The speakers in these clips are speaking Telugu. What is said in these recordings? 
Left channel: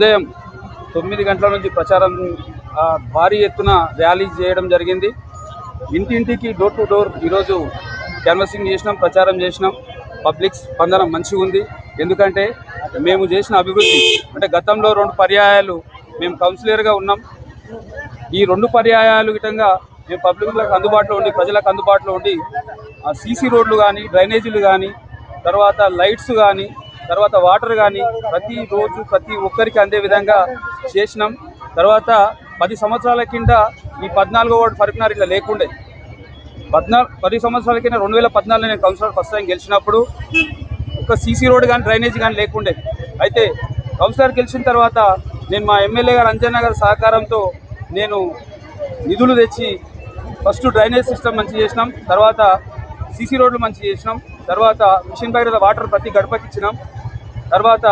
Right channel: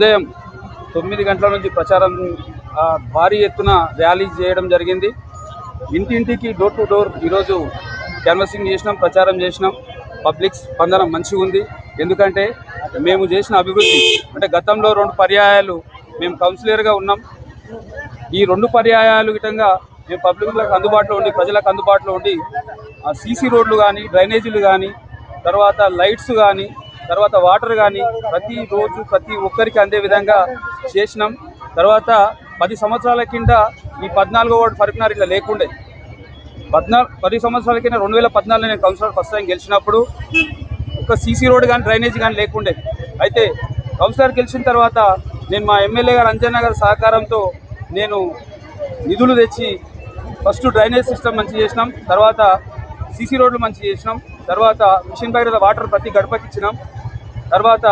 ఉదయం 9 గంటల నుంచి ప్రచారం భారీ ఎత్తున ర్యాలీ చేయడం జరిగింది. ఇంటింటికి డోర్ టు డోర్ ఈరోజు క్యాన్వసింగ్ చేసినాం, ప్రచారం చేసినాం. పబ్లిక్ స్పందన మంచిగా ఉంది. ఎందుకంటే మేము చేసిన అభివృద్ధి అంటే గతంలో 2 పర్యాయాలు మేము కౌన్సిలర్గా ఉన్నాం. ఈ 2 పర్యాయాలు విధంగా మేము పబ్లిక్లకు అందుబాటులో ఉండి ప్రజలకు అందుబాటులో ఉండి సీసీ రోడ్లు కానీ, డ్రైనేజీలు కానీ, తర్వాత లైట్స్ కానీ, తర్వాత వాటర్ కానీ ప్రతిరోజు ప్రతి ఒక్కరికి అందే విధంగా చేసినాం. తర్వాత 10 సంవత్సరాల కింద ఈ 14వ వార్డు ఫరక్నార్ ఇట్లా లేకుండే. 10 సంవత్సరాల కింద 2014లో నేను కౌన్సిలర్ ఫస్ట్ టైం గెలిచినప్పుడు ఒక సీసీ రోడ్ కానీ డ్రైనేజ్ కానీ లేకుండే. అయితే కౌన్సిలర్ గెలిచిన తర్వాత నేను మా ఎమ్మెల్యే గారు అంజన్న గారి సహకారంతో నేను నిధులు తెచ్చి ఫస్ట్ డ్రైనేజ్ సిస్టమ్ మంచి చేసినాం, తర్వాత సీసీ రోడ్లు మంచి చేసినాం, తర్వాత మిషన్ భగీరథ వాటర్ ప్రతి గడపకి ఇచ్చినాం, తర్వాత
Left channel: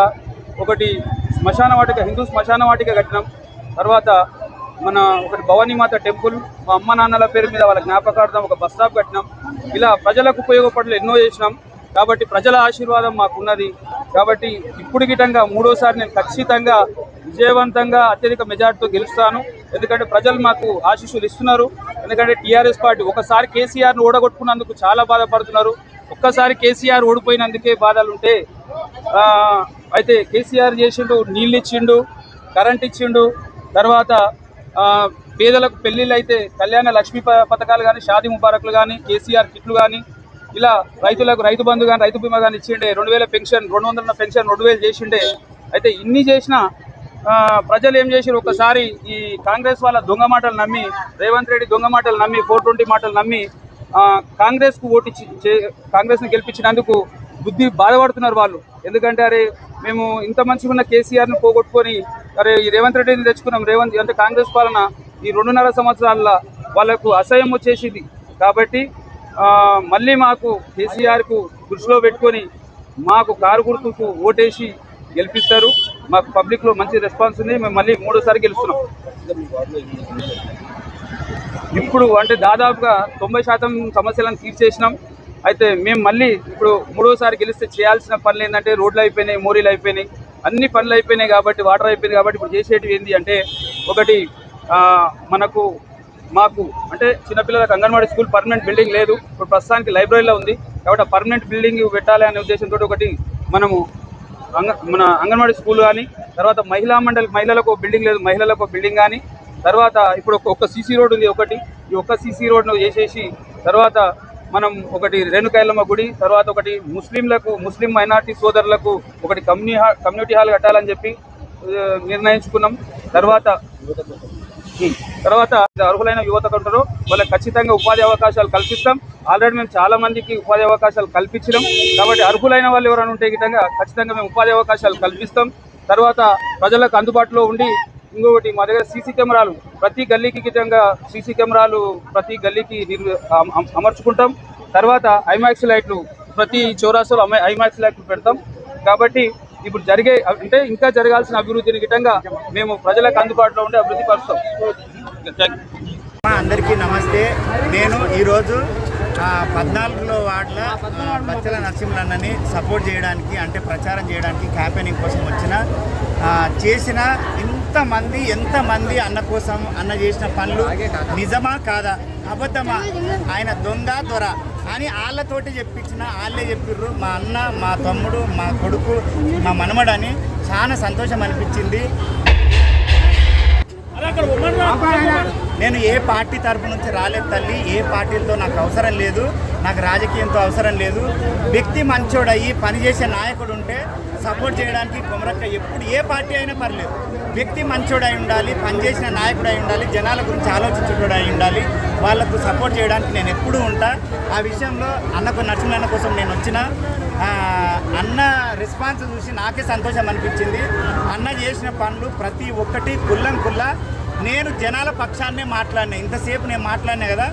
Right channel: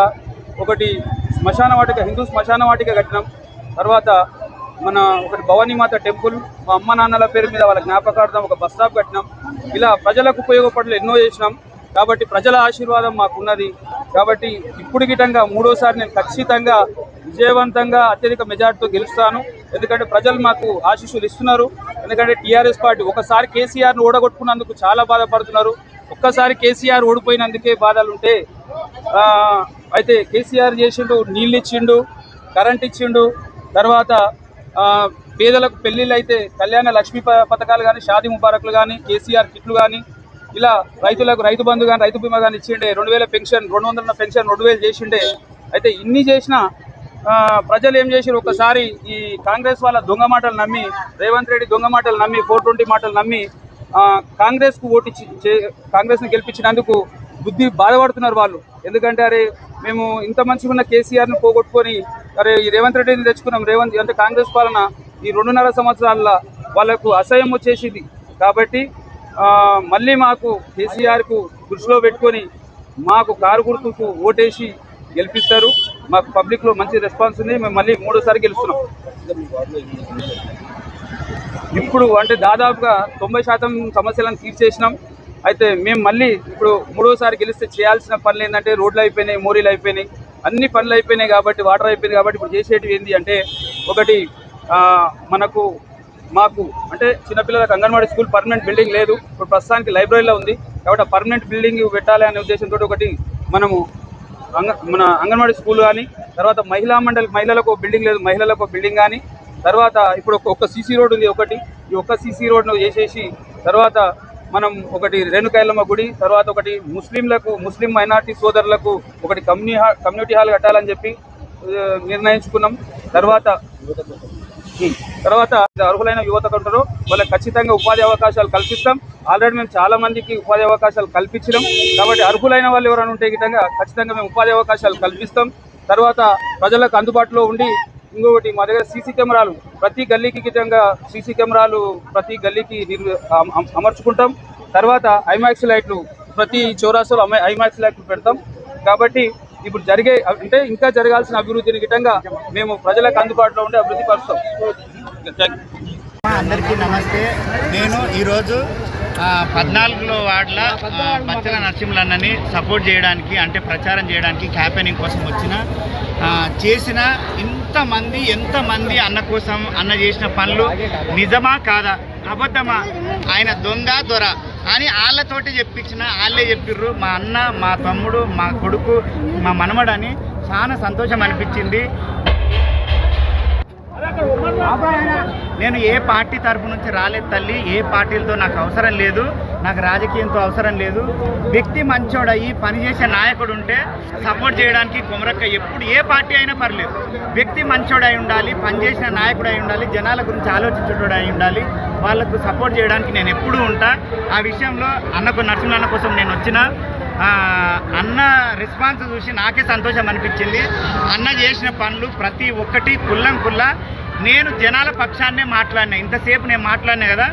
ఒకటి శ్మశాన వాటిక హిందూ శ్మశాన వాటిక కట్టినాం, తర్వాత మన ఒకటి భవానీమాత టెంపుల్ మా అమ్మ నాన్నల పేరు మీద వాళ్ళ జ్ఞాపకార్థం ఒక బస్ స్టాప్ కట్టినాం. ఇలా ప్రజలకు ఉపయోగపడలు ఎన్నో చేసినాం. కాబట్టి ప్రజల ఆశీర్వాదం మాకున్నది. కాబట్టి ఇప్పుడు గిటంగా 3వసారి నేను ఖచ్చితంగా విజయవంతంగా అత్యధిక మెజార్టీతో గెలుస్తాను. ఎందుకంటే ప్రజలు మాకు ఆశీస్సులు ఇస్తున్నారు. ఎందుకంటే టీఆర్ఎస్ పార్టీ ఒకసారి కేసీఆర్ను ఓడగొట్టుకున్నందుకు చాలా బాధపడుతున్నారు. ఒక్కసారి కేసీఆర్ ఓడిపోయినందుకే బాధలు ఉంటే అయితే కేసీఆర్ చేసిండు, నీళ్ళు ఇచ్చిండు, కరెంట్ ఇచ్చిండు, తర్వాత పేదలకు పెళ్ళిళ్ళు అయితే కళ్యాణ లక్ష్మీ పథకాలు కానీ, షాదీ ముబారక్లు కానీ, కేసీఆర్ కిట్లు కానీ, ఇలా రైతులకు రైతు బంధు కానీ, రైతు బీమా కానీ ఇచ్చిండే, 2000 పెన్షన్, 200 పెన్షన్ 2000 చేసిండే. అయితే ఇన్ని చేసినా ప్రజలు ఏం చేసారు, ఒకసారి ఈ కాంగ్రెస్ వాళ్ళ దొంగ మాటలు నమ్మి, రేవంత్ రెడ్డి దొంగ మాటలు నమ్మి, 420 మాటలు నమ్మి కాంగ్రెస్కు ఓటిచ్చి కాంగ్రెస్ని గెలిపించినందుకు బుద్ధి బాధపడుతున్నారు వాళ్ళు. ఎందుకంటే అరే మేము ఇంత మంచిగా ఉన్న కేసీఆర్ను పోగొట్టుకొని అరే ఈ రేవంత్ రెడ్డిని తెచ్చుకున్నాం, రేవంత్ అంటే కాంగ్రెస్ పాలన ఈ 2.5 సంవత్సరాల వాళ్ళకు అసహ్యం వచ్చేసింది. కాబట్టి మళ్ళీ మాకు కేసీఆర్కు దృష్టిలో పెట్టుకొని మాకు కారు గుర్తుకు ఓటేసి గెలిపిస్తారు. మాకు పబ్లిక్లో మంచి రెస్పాన్స్ ఉంది. మేము మళ్ళీ 3వసారి గెలుస్తున్నాం. ఇప్పుడు అంటే దాదాపుగా 90% సమస్యలను తీర్చేసినాం. అయితే మేము మళ్ళీ ఇప్పుడు 3వసారి గెలిస్తే చేయాల్సిన పనులు ఏంటంటే రోడ్లు అయిపోయినాయి, మోరీలు అయిపోయినాయి, అన్ని పనులు అయిపోయినాయి. కాబట్టి వాటర్ అయిపోయింది. కాబట్టి ఇప్పుడు చేసేటివి ఏంటి అంటే ఒకటి మాకు అంటే చిన్నపిల్లలకు అంగన్వాడీ స్కూల్ పర్మనెంట్ బిల్డింగ్ లేదు. ఇప్పుడు ప్రస్తుతానికి లైబ్రరీలో ఉంది. కాబట్టి ఆ పర్మనెంట్ బిల్డింగ్ పెట్టాలి అనే ఉద్దేశంతో ఒకటి మనము మన అంగన్వాడీ స్కూల్ కానీ, తర్వాత మహిళలకు బిల్డింగ్ లేదు, మహిళలకు బిల్డింగ్ కానీ, తర్వాత ఇప్పుడు ఒక సీసీ రోడ్ ఉంది ఒకటి. ఈ ఒక్క సీసీ రోడ్ను చేసేసి తర్వాత మనం ఒకటి రేణుకాయలమ్మ గుడి, తర్వాత ఒకటి ముస్లిం మైనార్టీ సోదరులకు ఒకటి కమ్యూనిటీ హాల్ కట్టాలని చెప్పి నిర్ణయించుకున్నాం. తర్వాత అర్హులైన యువతకు ఉంటారో వాళ్ళకి ఖచ్చితంగా ఉపాధి అవకాశాలు కల్పిస్తాం. ఆల్రెడీ మేము చాలా మందికి ఉపాధి అవకాశాలు కల్పించినాం. కాబట్టి అర్హులైన వాళ్ళు ఎవరైనా ఉంటే గిట్టంగా ఖచ్చితంగా మేము ఉపాధి అవకాశాలు కల్పిస్తాం. తర్వాత ప్రజలకు అందుబాటులో ఉండి ఇంకొకటి మా దగ్గర సీసీ కెమెరాలు ప్రతి గల్లీకి గిట్టంగా సీసీ కెమెరాలు ప్రతి గల్లీకి అమర్చుకుంటాం. తర్వాత ఐమాక్స్ లైట్లు ప్రతి చౌరాస్తాలో ఐమాక్స్ లైట్లు పెడతాం. కాబట్టి ఇప్పుడు అంటే ఇంకా జరగాల్సిన అభివృద్ధిని గిట్టంగా మేము ప్రజలకు అందుబాటులో ఉండి అభివృద్ధి పరుస్తాం. అందరికీ నమస్తే. నేను ఈరోజు 14వ వార్డుల బచ్చల నరసింహులన్నని సపోర్ట్ చేయడానికి అంటే ప్రచారం చేయడానికి క్యాంపెయినింగ్ కోసం చేసిన ఎంతమంది అన్న కోసం అన్న చేసిన పనులు నిజమా కాదా, అబద్ధమా, ఆయన దొర అని వాళ్ళతోటి చెప్పించిన వాళ్ళే చెప్పిర్రు. మా అన్న, మా తమ్ముడు, మా కొడుకు, మా మనమడని చాలా సంతోషం అనిపించింది. నేను ఏ పార్టీ తరఫు నుంచి రాలేదు తల్లి, ఏ పార్టీలతో నాకు అవసరం లేదు, నాకు రాజకీయంతో అవసరం లేదు. వ్యక్తి మంచోడయ్యి పనిచేసే నాయకుడు ఉంటే సపోర్ట్ చేయడానికి కొమరక్క ఎప్పుడు ఏ పార్టీ అయినా పర్లేదు. వ్యక్తి మంచోడై ఉండాలి, పనిచేసిన నాయకుడు అయి ఉండాలి, జనాల గురించి ఆలోచించేటోడు అయి ఉండాలి. వాళ్ళకు సపోర్ట్ చేయడానికి నేను ఎప్పుడూ ఉంటా. ఆ విషయంలో నరసింహన్న కోసం నేను వచ్చిన అన్న రెస్పాన్స్ చూసి నాకే సంతోషం అనిపించింది. అన్న చేసిన పనులు ప్రతి ఒక్కటి కుల్లా నేను జనాల పక్షాన్నే మాట్లాడినా. ఇంతసేపు నేను మాట్లాడినా కదా,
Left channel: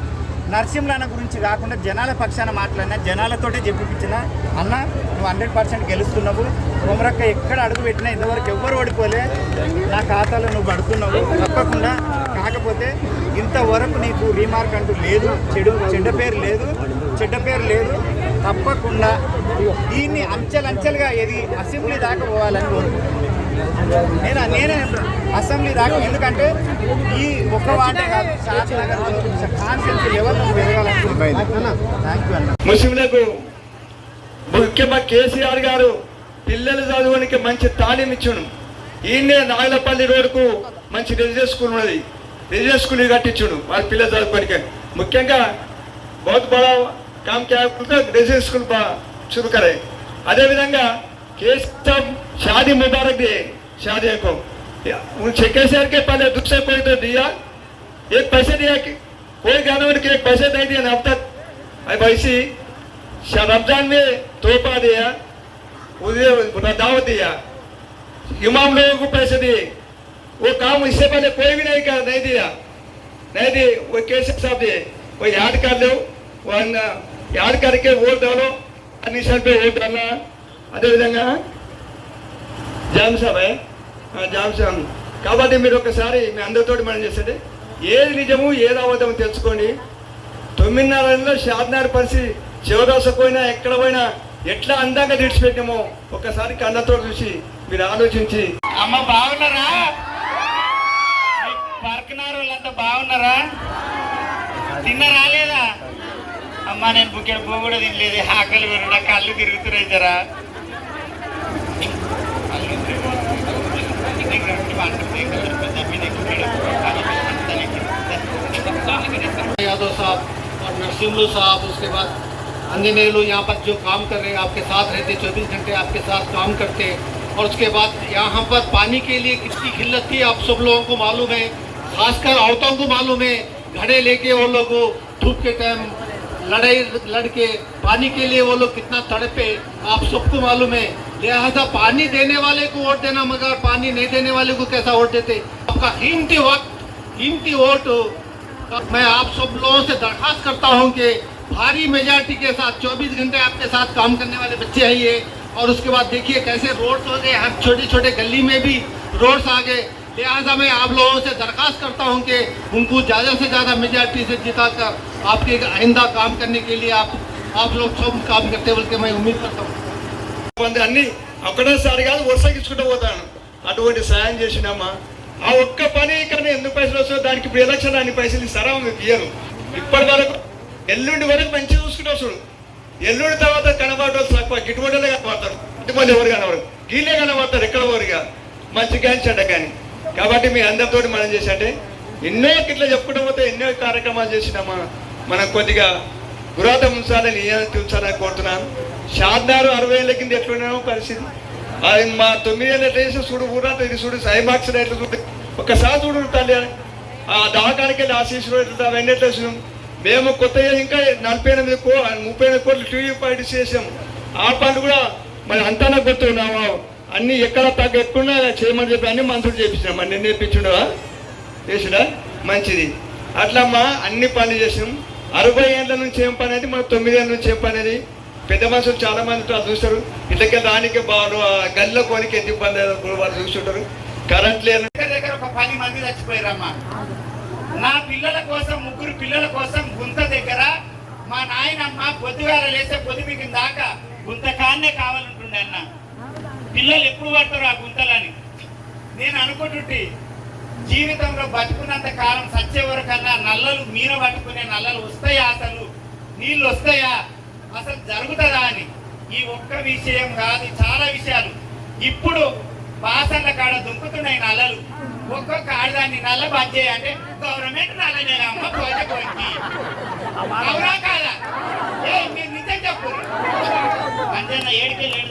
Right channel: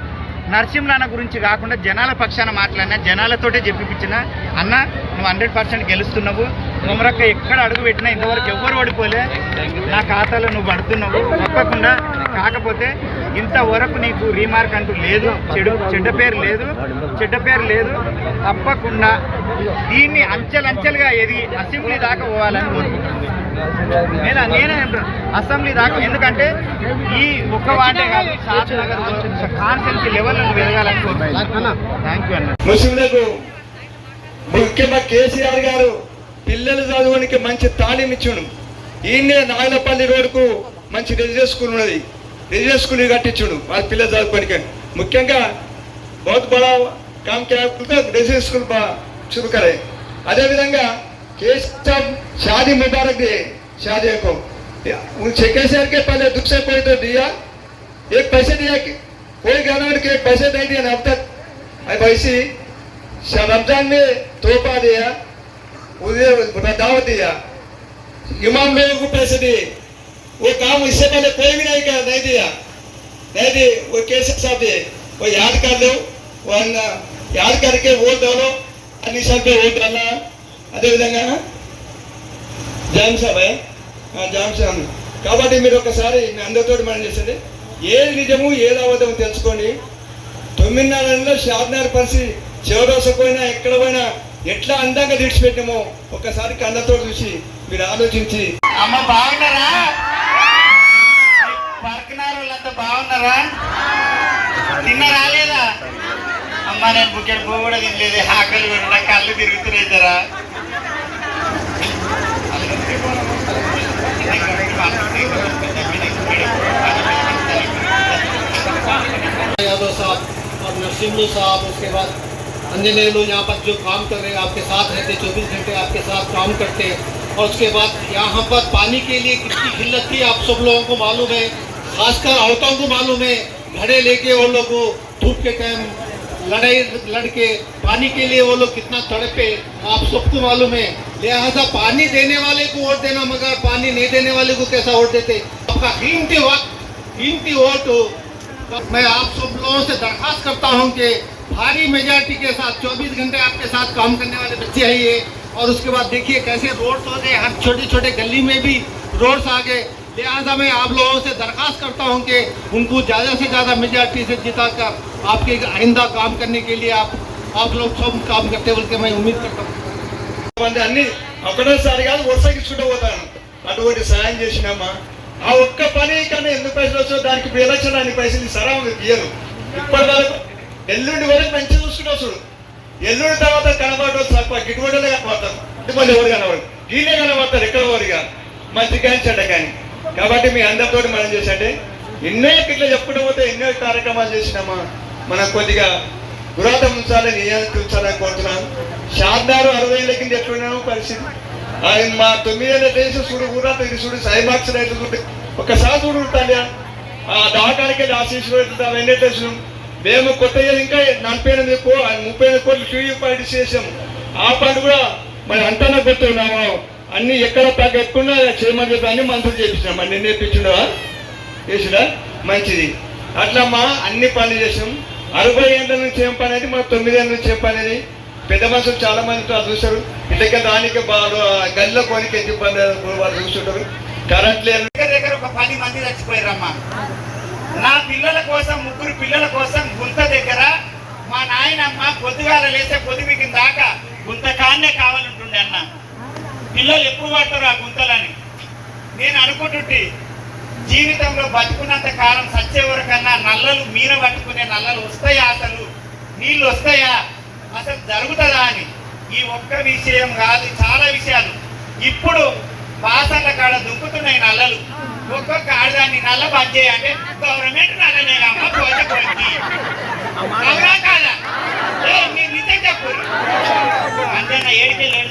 నరసింహన్న గురించి కాకుండా జనాల పక్షాన మాట్లాడినా, జనాలతోటే చెప్పిపించిన అన్న నువ్వు 100% గెలుస్తున్నావు. కొమరక్క ఎక్కడ అడుగు పెట్టినా ఇంతవరకు ఎవ్వరు ఓడిపోలే, నా ఖాతాలో నువ్వు పడుతున్నావు తప్పకుండా. కాకపోతే ఇంతవరకు నీకు రీమార్క్ అంటూ లేదు, చెడ్డ పేరు లేదు. తప్పకుండా దీన్ని అంచెలంచెలుగా అసెంబ్లీ దాకా పోవాలని కోరుకుంటున్నాను. నేనే అసెంబ్లీ దాకా, ఎందుకంటే ఈ ఒక్క వాటే కాదు, షాద్ నగర్ కాన్స్టిట్యూన్సీ లెవెల్ నుంచి పెరగాలని కోరుతున్నాను. థ్యాంక్ యూ అన్న. ముస్లింలకు ముఖ్యంగా కేసీఆర్ గారు పిల్లలు చదువునికి మంచి తాళం ఇచ్చాను. ఈయనే నాయలపల్లి రోడ్డుకు మంచి రెసిడెన్స్ స్కూల్ ఉన్నది, రెసిడెన్స్ స్కూల్ కట్టించుడు వాళ్ళ పిల్లలు చదువుకోనికి. ముఖ్యంగా బహుత్ బడా కామ్ క్యా రెసిడెన్స్ స్కూల్ शुरू करे. अदेविधंगा केस साहब शादी मुबारक दिए, शादी को उन केसीआर के पहले दुख से कोई तो दिया, एक पैसे दिया कि कोई ज्ञानवर के एक पैसे नहीं दिया अब तक. वैसी रमजान में तोहफा दिया, उन्हें दावत दिया, इमाम लोगों को पैसे दिए. वो काम इससे पहले कोई भी नहीं दिया, नहीं दिए. वो केसीआर साहब दिए, वो याद कर लो, वो याद करके वोट डालो, अनिशा पे वोट डालना. అదేవిధంగా జామ్ సాబ్ కాబట్టి మీరు ఒకసారి మీ అందరితో మనం చేసేది ఏది నిజము ఏది అబద్ధం తెలుసుకోండి. 9 నెలల్లో షాద్నగర్ పరిస్థితి చివరోస పోయినా ఎక్కడ పోయినా ఎట్లా అందంగా తీర్చిపెట్టామో ఒకసారి కళ్ళతో చూసి మీరు ఆలోచించి. అమ్మ బాగున్నారా? పర్కనారు వాళ్ళంతా బాగున్నారా? తిన్నారా లేదా? అమ్మ నేను బుక్కెడు పువ్వు కూడా తినలేదు, ఆకలి కూడా, నా కళ్ళు తిరుగుతున్నాయి జరా. यादव साहब और नरसिम्लू साहब, उसके बाद अंजनेय लोग यहाँ पर जो काम कर रहे हैं, आपके साथ रहते, 24 घंटे आपके साथ काम करते. और उसके बाद यहाँ पर पानी के लिए कितनी किल्लत थी आप सब लोगों को मालूम है, खासकर औरतों को मालूम है. घड़े लेके वो लोग धूप के टाइम लड़के पानी के लिए वो लोग कितना तड़पे, आप सबको मालूम है. लिहाजा पानी देने वाले को वोट देना, मगर पानी नहीं देने वाले को कैसा वोट देते. आपका कीमती वक्त, कीमती वोट मैं आप सब लोगों से दरखास्त करता हूं कि भारी मेजॉरिटी के साथ 24 घंटे आपके साथ काम करने वाले बच्चे हैं ये. और उसके बाद देखिए कैसे रोड्स हो गए, हर छोटे छोटे गली में भी रोड्स आ गए. लिहाजा मैं आप लोगों से दरखास्त करता हूं कि उनको ज़्यादा से ज़्यादा मेजॉरिटी से जिता कर आपके आइंदा काम करने के लिए आप लोग सब काम करते बोल के मैं उम्मीद करता हूँ. అన్ని ఒకటేసారి కాదు వరుసగించుకుంటూ పోతాను. అటువంటి సాయం చేసినామా ఆ ఒక్క పని కానీ ఎన్ని పైసలు వస్తాయో దానికి ఇప్పుడు ఎలక్షన్ అన్ని పైసలు ఇస్తారా ఇయ్యను. ఇప్పటి వరకు ఎల్లుండి వరకు మంచిగా చూసుకుంటూ వస్తాడు. ఎల్లుండి తర్వాత కనబడటం తక్కువ, గిట్టుబడిలే కనబడతారు, ఇటువంటి ఎవరు కనబడరు, గీలే కనబడతారు, ఎక్కడ ఎవరుగా మంచి కానీ చెడ్డ కానీ. కాబట్టి మీ అందరితో మనం చేసంటే ఎన్నో ఇట్లా చెప్పుకుంటూ పోతే ఎన్నో కార్యక్రమాలు చేసినామా. మనం కొద్దిగా గురాత ఉంచాలని ఉంచాలని కోరుతున్నాను. షాద్నగర్ 60 ఏళ్ళ కింద ఎట్లున్నామో పరిస్థితి, మా 9 ఏళ్ళ దేశం చూడు, ఊరంతా ఇది చూడు, సైమాక్స్ ఎట్లా చూడు, ఒక్కసారి చూడు తల్లి. ఆ దవాఖానికి వెళ్ళి ఆశీస్సులు ఎట్లా అవన్నీ ఎట్లా చూసాం. మేము కొత్త ఇంకా 38 38 కోట్లు టీవీ పార్టీ చేసాం. ఆ పని కూడా మరి అంతా గుర్తున్నాము. అన్ని ఎక్కడ తగ్గ ఎక్కువ చేయమని చెప్పి అన్ని మంత్రులు చేపించినాం. అన్ని నేర్పించుండవా చేసిడా మంచిది. అట్లా మా అన్ని పనులు చేసాం. 60 ఏళ్ళ నుంచి ఏం పని అనేది, మాకు 9 ఏళ్ళ నుంచి ఏం పని అనేది. పెద్ద మనుషులు చాలా మంది చూస్తారు. ఇట్లకే దానికి వాళ్ళు గల్లిలో కొనికి ఎంత ఇబ్బంది వాళ్ళు చూస్తుంటారు. కరెంట్ లేదు. దగ్గర ఒక 10 మంది చచ్చిపోయారమ్మా. నా పిల్లల కోసం, 3 పిల్లల కోసం గుంత దగ్గర మా నాయనమ్మ పొద్దుగాల లేస్తే పొద్దుమికి దాకా గుంత కాన్నే కావాలంటుండే అన్న. పిల్లలు ఎప్పుడు పడతారు ఆ గుంతలని. నేను అనుకుంటుంటే జీవితంలో బతుకున్నంత కాలం సచ్చే వరకన్నా నల్లలు మీన పట్టుకునే నల్లలు వస్తాయా, అసలు నీళ్ళు వస్తాయా, అసలు జరుగుతుందా అని. ఈ ఒక్క విషయం కాదు, చాలా విషయాలు. ఇప్పుడు బాసల కాడ దుంకుతున్నాయి నల్లలు. ఒక్కొక్క ఆడదాన్ని నల్ల బంద్ చేయంటే గవర్నమెంట్ నల్లనే కాదా? మీరు నిజం చెప్పు. అంటే నా ఏడికెళ్ళి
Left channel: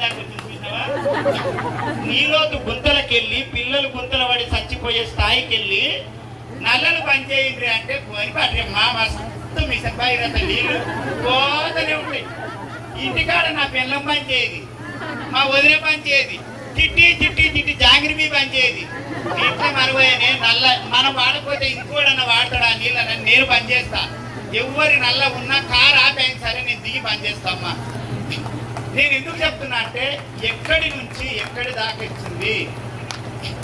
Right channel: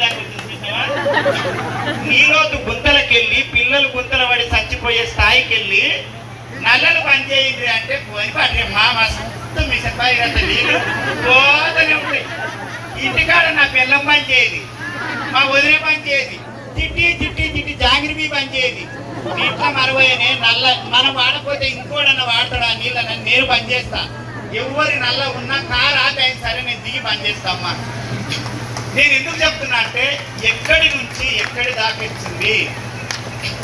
ఈరోజు గుంతలకెళ్ళి పిల్లలు గుంతలు పడి చచ్చిపోయే స్థాయికి వెళ్ళి నల్లలు బంద్ చేయండి అంటే పోయి పట్టే మా మస్తు మిషన్ పైరంత నీళ్ళు పోతనే ఉంటాయి. ఇంటికాడ నా పిల్లం పని చేయదు, మా వదిలే పని చేయదు, చిట్టి జాంగిరి పని చేయదు. నీట్లో మనపోయే నల్ల మనం వాడకపోతే ఇంకోడన్నా వాడతాడు ఆ నీళ్ళని నేను బంద్ చేస్తా. ఎవరి నల్ల ఉన్నా కారు ఆపైన సరే నేను దిగి బంద్ చేస్తామ్మా. నేను ఎందుకు చెప్తున్నా అంటే ఎక్కడి నుంచి ఎక్కడి దాకా ఇచ్చింది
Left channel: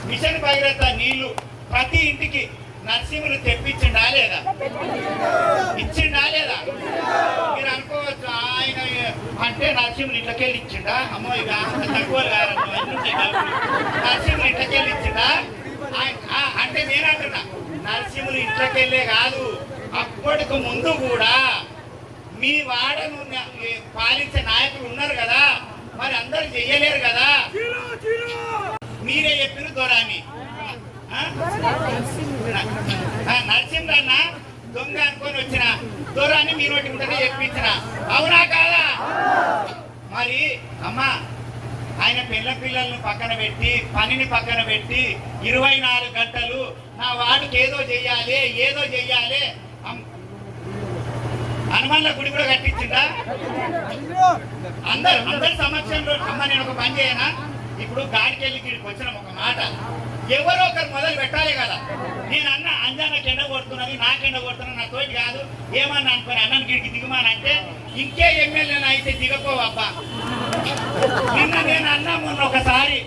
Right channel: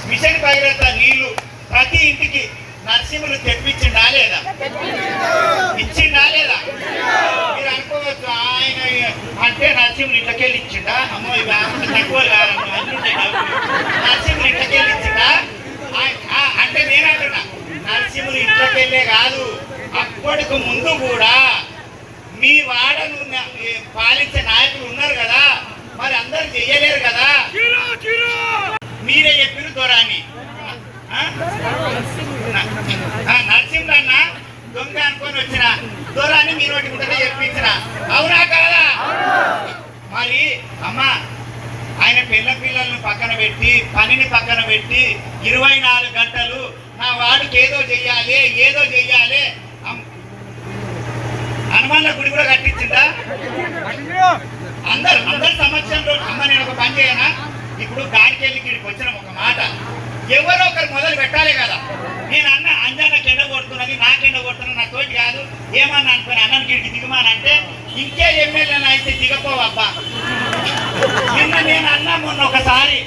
మిషన్ భగీరథ నీళ్లు ప్రతి ఇంటికి నరసింహులు తెప్పించిండా లేదా, ఇచ్చిండా లేదా? మీరు అనుకోవచ్చు ఆయన అంటే నరసింహుడు ఇళ్ళకెళ్ళి ఇచ్చిండా? అమ్మో ఇవి తక్కువ నరసింహుడు ఇళ్ళకెళ్ళి ఇచ్చిండా? అంటే నేనంటున్నా నరసింహుడు ఇళ్ళకెళ్ళే కాదు, అప్పటికి ముందు కూడా మీ వాడను పాలించే నాయకులు ఉన్నారు కదా, మరి అందరూ చెయ్యలేరు కదా. మీరే చెప్పిన దొరాన్ని నరసింహుడు అన్న దొంగ అనుకొని వచ్చిన దొరాన్ని మీరు పెట్టుకుంటే చెప్పించిన, అవునా కాదా? మరి అమ్మ ఆయన పిల్లలను పక్కన పెట్టి పనిని పక్కన పెట్టి 24 గంటలు నా వాడికి ఏదో చెయ్యాలి హనుమాన్ల గుడి కూడా కట్టించిందా? అందరి సమక్షంలో అమ్మ నేను ఒక పని చేయనా, ఇప్పుడు గాడికి వెళ్ళి ఇక్కడికి వచ్చిన ఒక మాట ఎవరో ఒకరు మొదలు పెట్టాలి కదా. నేను అన్న అంజానికి ఎండ కొడుతున్నది, నాకెండ కొడుతున్నా, నా తోటి కాదు ఏమన్నా అనుకుని అన్నం గిడికి దిగమానంటే ఇంకే ఎమ్మెల్యేలు అయితే దిగపోవబ్బా. నిన్న నేను అన్నా మొన్న ఒకసారి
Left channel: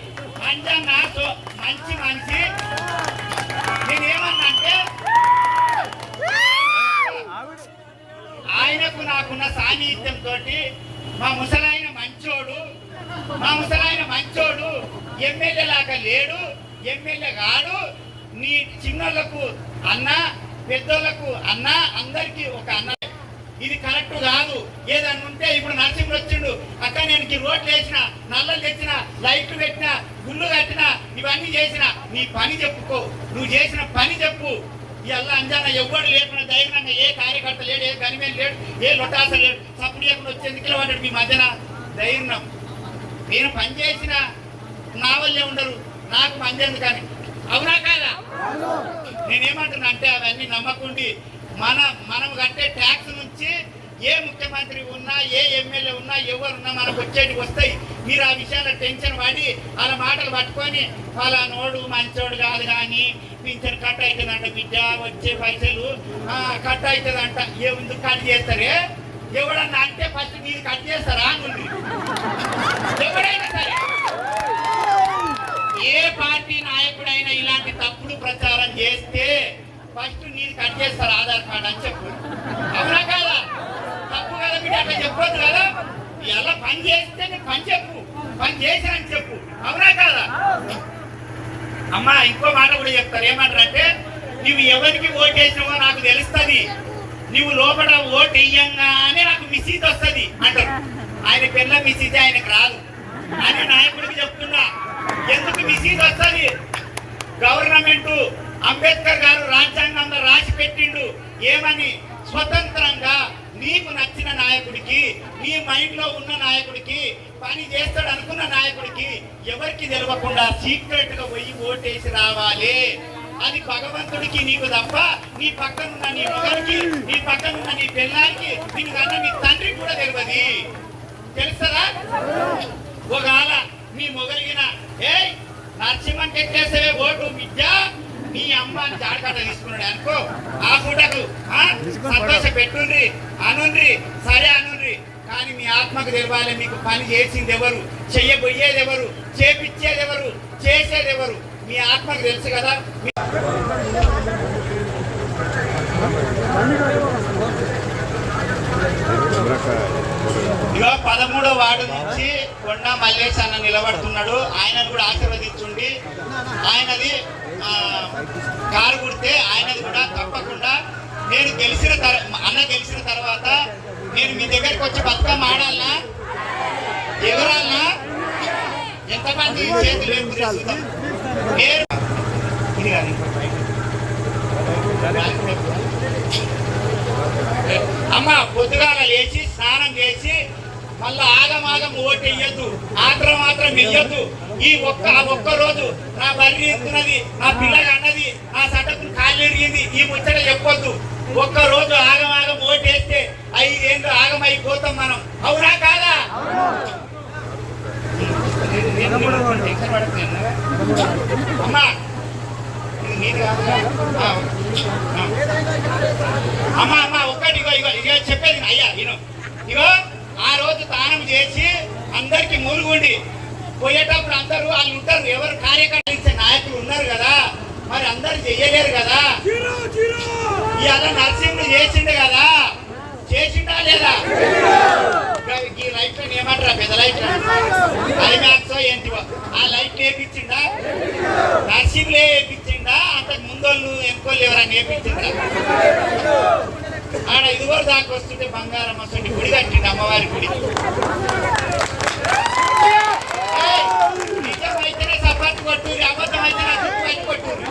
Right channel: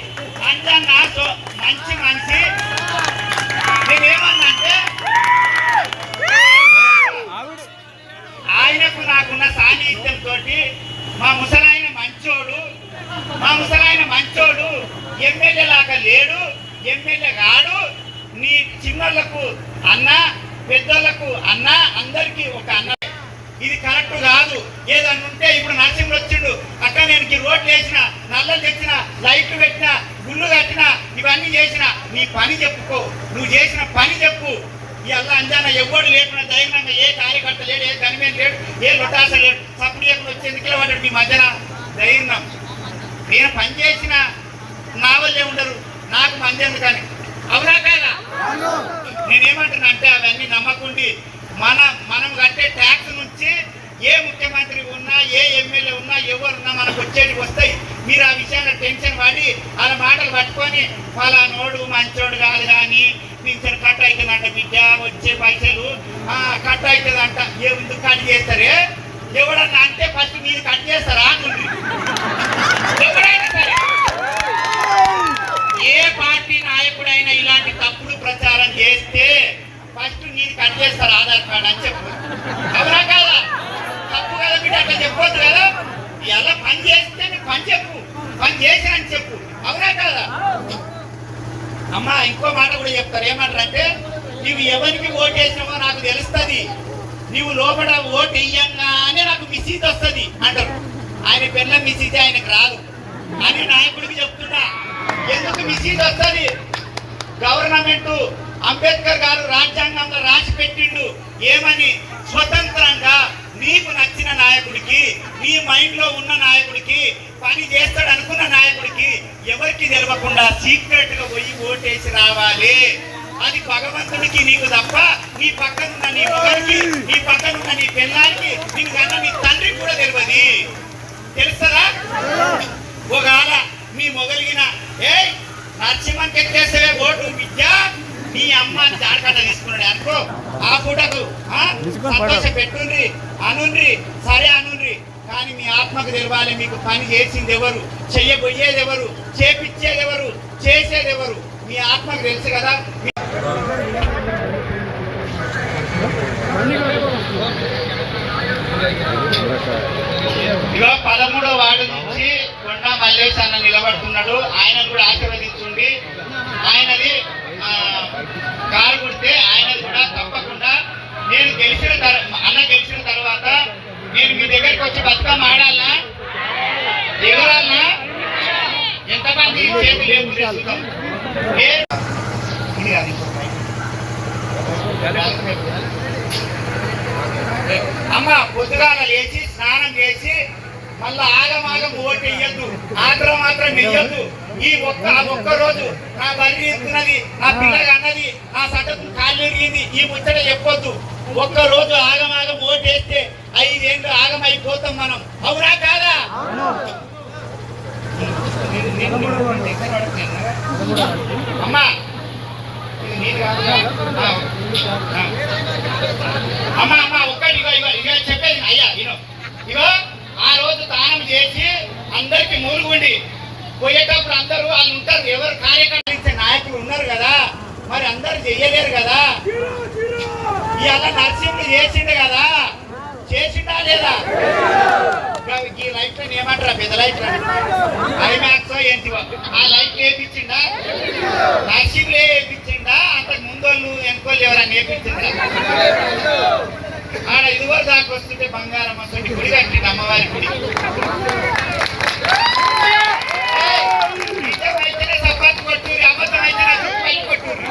అంజా నాతో మంచి మనిషి, నేనేమన్నంటే ఆయనకు నాకున్న సాన్నిహిత్యంతో మా ముసలాయన మంచోడు ఎమ్మెల్యే లాగా లేడు, ఎమ్మెల్యే కాడు, నీ చిన్నోళ్లకు అన్న పెద్దోళ్లకు అన్న అందరికీ ఒక అన్న. ఇది కరెక్ట్ కాదు. ఏదన్నా ఉంటే ఇప్పుడు నరసింహుడు వచ్చిండు అక్క నేను రోడ్లు వేసిన, నల్లలు తెచ్చిన, లైట్లు పెట్టిన, గుళ్ళు కట్టిన, ఇవన్నీ చేసిన, నీ పని చెప్పుకో, నువ్వు చేసిన పని చెప్పు. ఇలా అంజాన ఎవ్వడు లేకుండా ధైర్యంగా ఏ కార్యకర్త లేడు, ఏ గన్మేన్ లేడు, ఏ లొటాస లేడు, సప్పుడు చెప్పిన వచ్చే ఎన్నికలు పడ్డాడు మీ మధ్యన ధైర్యం. నేను పని చేసిన నా వల్లే ఉండరు, నాకు మంది ఎందుకని, అవునా కాదా? నేనేమంటున్నా అంటే అవన్నీ నమ్మకుండి మనం కట్టే ట్యాక్స్ నుంచి ఏ ముఖ్యమంత్రి ఉన్నా, ఏ ఎమ్మెల్యే ఉన్నా, ఎవరున్నా మనకు వచ్చేటివి వస్తాయి. మీరు ఆ విషయాల్లో టెన్షన్ పడి వాళ్ళ మాటలు పట్టుకొని ఫలానోడు మంచోడు కాదు కానీ పింఛన్ కట్ అవుతుందంట, బిడ్డ వచ్చే పైసలు కట్ అవుతుందంట, ఎందుకు కట్ చేస్తారే? ఎవడన్నా అంటే ఫస్ట్ మీరు కట్ చేస్తారా అనుకుంటుంది. ఎవరైనా సరే ఏ పార్టీ నాయకుడైనా ఇలాంటి తప్పుడు ప్రచారం చేస్తే ఫస్ట్ నీది కట్ చేస్తారు ఆధార్ కార్డు అని చెప్పు, అవునా కాదా? తప్పు కదా బిడ్డ అట్లా చెప్పొద్దు కదా. ఇలా పని చేస్తే నువ్వు పని చెప్పు, పని చేసినని చెప్పు, అవునా కాదా? అమ్మ ఇంకో మాట కూడా చెప్తారు, ఏమంటారంటే నువ్వు ఎవరికి ఓటు వేసినావో నాకు తెలుస్తుంది, నువ్వు లోపల ఓటు వేయంగానే నాకు మిసీజ్ వస్తుంది అంటారు. ఆయన పిల్ల మిసీజ్ ఆయనకు రాదు అని నాయకుడికి చెప్తున్నా. ఎందుకు మిసీజ్ వస్తుంది? గవర్నమెంట్ అంబేద్కర్ గారు రాజ్యాంగంలో రాసి పెట్టిండు ఏమని, స్వతంత్రంగా నీకు నచ్చిన నాయకుడికి, నీ మైండ్ లో ఉన్న నాయకుడికి, పని చేస్తాడు అనుకున్న నాయకుడికి ఎవరికి తెలియకుండా సీక్రెట్ గా పోయి ఓటేసి రావాలి. అది భగవంతుడికి నీకు తప్ప నీ పక్కనున్న నీ మొగలికి, నీ పక్కనున్న నీ పిల్లానికి, నీకు కన్నా నీ తండ్రికి కూడా తెలియదు. తెలుస్తారా? ఒకవేళ నీ మొగలిగిన ఏ నరసింహకి ఎక్కేసే ఓటు విద్య నీ అమ్మ జాగ్రత్త తీసుకున్నాడు అనుకో, ఆ పూటకు సంతోష పెట్టుండ్రి అనుండ్రి, సరే అనుండ్రి. కానీ మీ ఆత్మకు తెలవాలి మీకు పని చేసింది ఎవరు, చెయ్యబోయేది ఎవరు, చేపిచ్చేది ఎవరు, చేసేది ఎవరు, మీ ఆత్మకు తెలుసు కదా. ఇక 13వ వార్డు నుంచి కొండా మల్లేష్ అన్న నిలబడుతున్నాడు, ఆయన కూడా ఆశీర్వదించుండి. ఆయనది కారు కొడితే ఆయనది కూడా తప్పకుండా నేను అన్న గెలిచిన తర్వాత నేను మీ దగ్గరికి వచ్చి బతుకమ్మ ఆడాలనా, ఎగరాలనా, ఎంతమంది చేతులు చూద్దాం. అమ్మ పొద్దుగాల లేచి స్నానం చేసి మళ్ళా ఆగమాగం ఓటు వేయద్దు, మాత్రం వెయ్యొద్దు. ఒక్క రోజు నా బర్రె ఎత్తున్నది, నా పిల్లగా అన్నది, నా సటకు కాళ్ళు ఎరిగింది, ఈ ముచ్చట చెప్పొద్దు. ఒక్క రోజు ఆగమాగం ఓటు వేస్తే 5 ఏళ్ళు ఆగమైపోతాం మనం, అవునా కాదా? అమ్మా అమ్మా ఒక్కటి ఇక చెప్పేది అయ్యా, ఇగో ఆ రోజు దానం చేసి అందరికి మూలుగుండి పోయేటప్పుడు అందరూ వాళ్ళు ఉంటారు, ఎవరు కార్యకర్త నాయకులు ఉన్నారు కదా, మరి అందరు చెయ్యలేరు కదా. ఇవాళ నరసింహుడు చేసిండు కదా, చేసిండా లేదా? ఈ రైట్ లైట్ ఐమాక్స్ ఏంటివో ఆ లైట్ వేయించిందా నర్సింగ్లే వేయించిందా అంతకు ముందోళ్ళు ఎంకోళ్ళు ఎవరైనా వేయించిందా ఆడ ఇదివరకు దాకా వస్తుంటే బంగారం వస్తుంది గుడి కట్టింది అమ్మవారి గుడి నిజమైతేనే సపాటు కొట్టూరి అబద్ధం అయితేనే చుట్టూ కొట్టూరి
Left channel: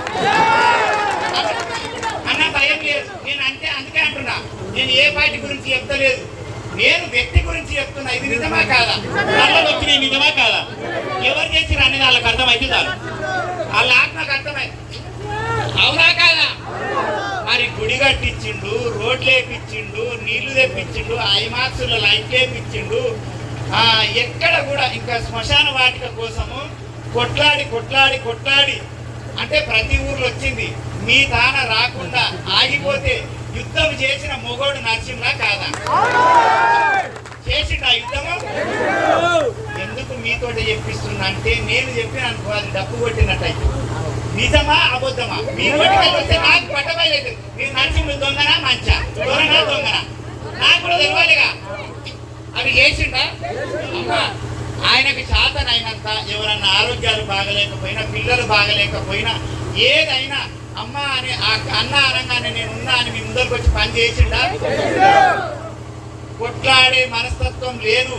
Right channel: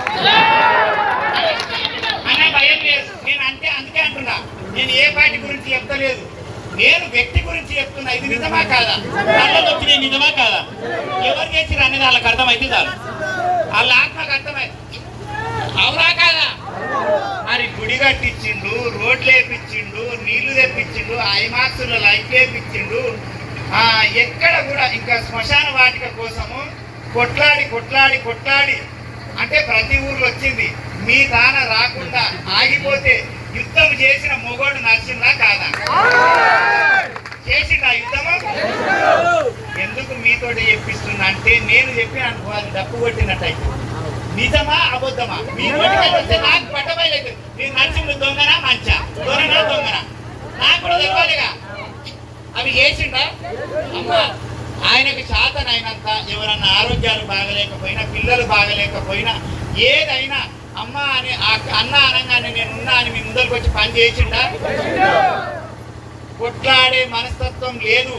అన్న భయం లేదు నేను అంటే అందుకే అంటున్నా నేను ఏ పార్టీ గురించి చెప్తలేదు నేను వ్యక్తి గురించి చెప్తున్నా ఇది నిజమా కాదా నల్లలు వచ్చిన నిజమా కాదా ఎవరు చేసి అనేది వాళ్ళకి అర్థమైతే చాలు వాళ్ళ నాకు అర్థమైంది అవునా కాదా మరి గుడి కట్టించిండు రోడ్లు వేపించిండు నీళ్లు తెప్పించిండు ఐమాక్స్లో లైట్లు వేపించిండు ఎక్కడ కూడా ఇంకా శ్మశాన వాటిక కోసము కొట్లాడి కొట్లాడి కొట్లాడి అంటే ప్రతి ఊర్లో వచ్చింది మీ తాన రాకుండా ఆగిపోతే యుద్ధం చేసిన మొగోడు నరసింహ కాదా చేసిండు ఆ యుద్ధము ఎందుకు మీతో చెప్పిస్తున్నా అంటే నేను చెప్పిన అనుకోవాలి డప్పు కొట్టినట్టయితే నిజమా అబద్ధమా మీ వస్తే నాకు పట్టబయలేదు మీరు నరసింహుడు దొంగనా మంచా దొంగనా నాకు కూడా తెలవాలిగా అవి చేసిండా అమ్మా ఆయనకి శాతనైనంత ఎవరన్నా ఆరోగ్యాలు బాగలేకపోయినా పిల్లలు బాగలేకపోయినా ఏదైనా అమ్మ అని అన్న అనగానే నేను ఉన్నా అని మీ ముందరికి వచ్చి పని చేసిండా కొట్లాడే మనస్తత్వం లేదు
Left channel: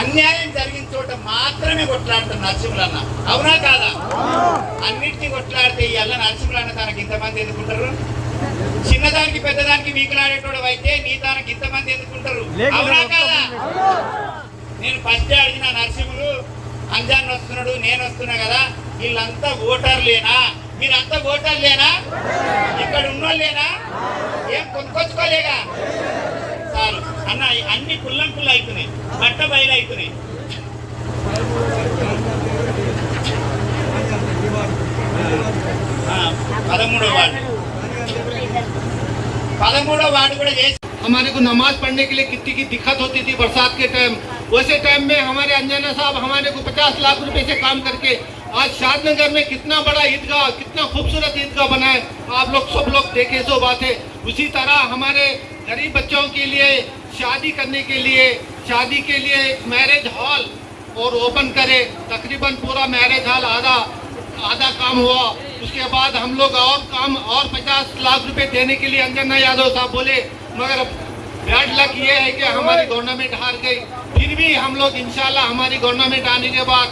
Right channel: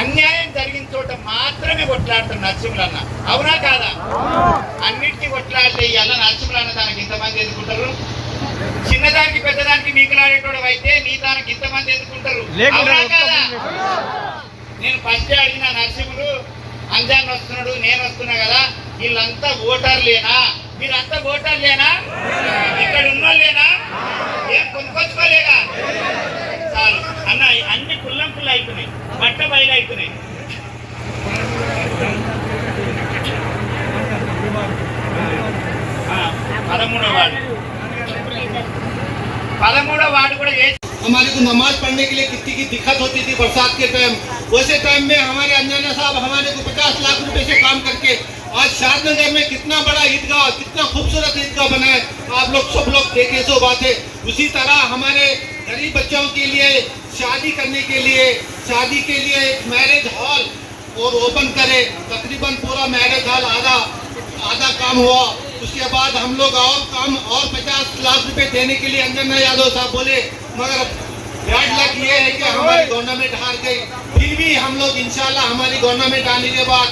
అన్యాయం జరిగిన చోట మాత్రమే కొట్లాడుతారు నరసింహులన్న అవునా కాదా అన్నింటినీ కొట్లాడితే ఇవాళ నరసింహులన్న దానికి ఇంతమంది ఎదుర్కొంటారు చిన్నదానికి పెద్దదానికి మీకులాడేటోడు అయితే నీ దానికి ఇంతమంది ఎదుర్కొంటారు అవునా కాదా నేను ఫస్ట్ అడిగిన నరసింహుడు అంజాన్ వస్తున్నాడు నేను వస్తున్నా కదా వీళ్ళంతా ఓటర్లేనా మీరంతా ఓటర్లేనా ఇక్కడ ఉన్నోళ్ళేనా ఏం కొనుక్కొచ్చుకోలేగా చాలు అన్న అన్ని కుల్లం కుళ్ళు అవుతున్నాయి బట్ట బయలు అవుతున్నాయి 13వ वार्ड కూడా చేసి हमारे को नमाज पढ़ने के लिए कितनी की दिक्कत होती थी बरसात के टाइम वैसे टाइम में हमारे अंजना साहब हमारे को 50 लाख रुपए से काम करके आज शादनगर में कितना बड़ा ईदगाह कितना खूबसूरत ईदगाह बनाए आप लोग सब लोग देखे सो बात है उसी तरह हमारे गरीब बच्चों के लिए शादी करने के लिए शादी के लिए एक मैरिज हॉल और ओपन करे तकरीबन पूरा मैरिज हॉल आधा काम हुआ उसके बाद हम लोग और काम और 50 लाख रुपए देने के लिए अंजना यादव साहब बोले मगर बैड लक ये है कि हमारी गवर्नमेंट हार गई फिर भी हम लोग इंशाल्लाह हमारी गवर्नमेंट आने के बाद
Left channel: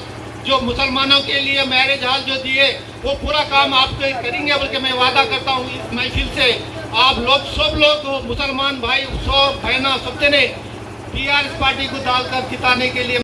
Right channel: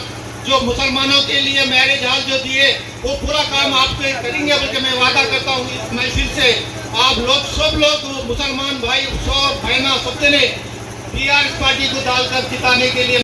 जो मुसलमानों के लिए मैरिज हॉल जो दिए वो पूरा काम आपको करेंगे बल्कि मैं वादा करता हूँ इस महफिल से आप लोग सब लोग मुसलमान भाई सब बहना सबने टीआरएस पार्टी को डालकर जिताने के लिए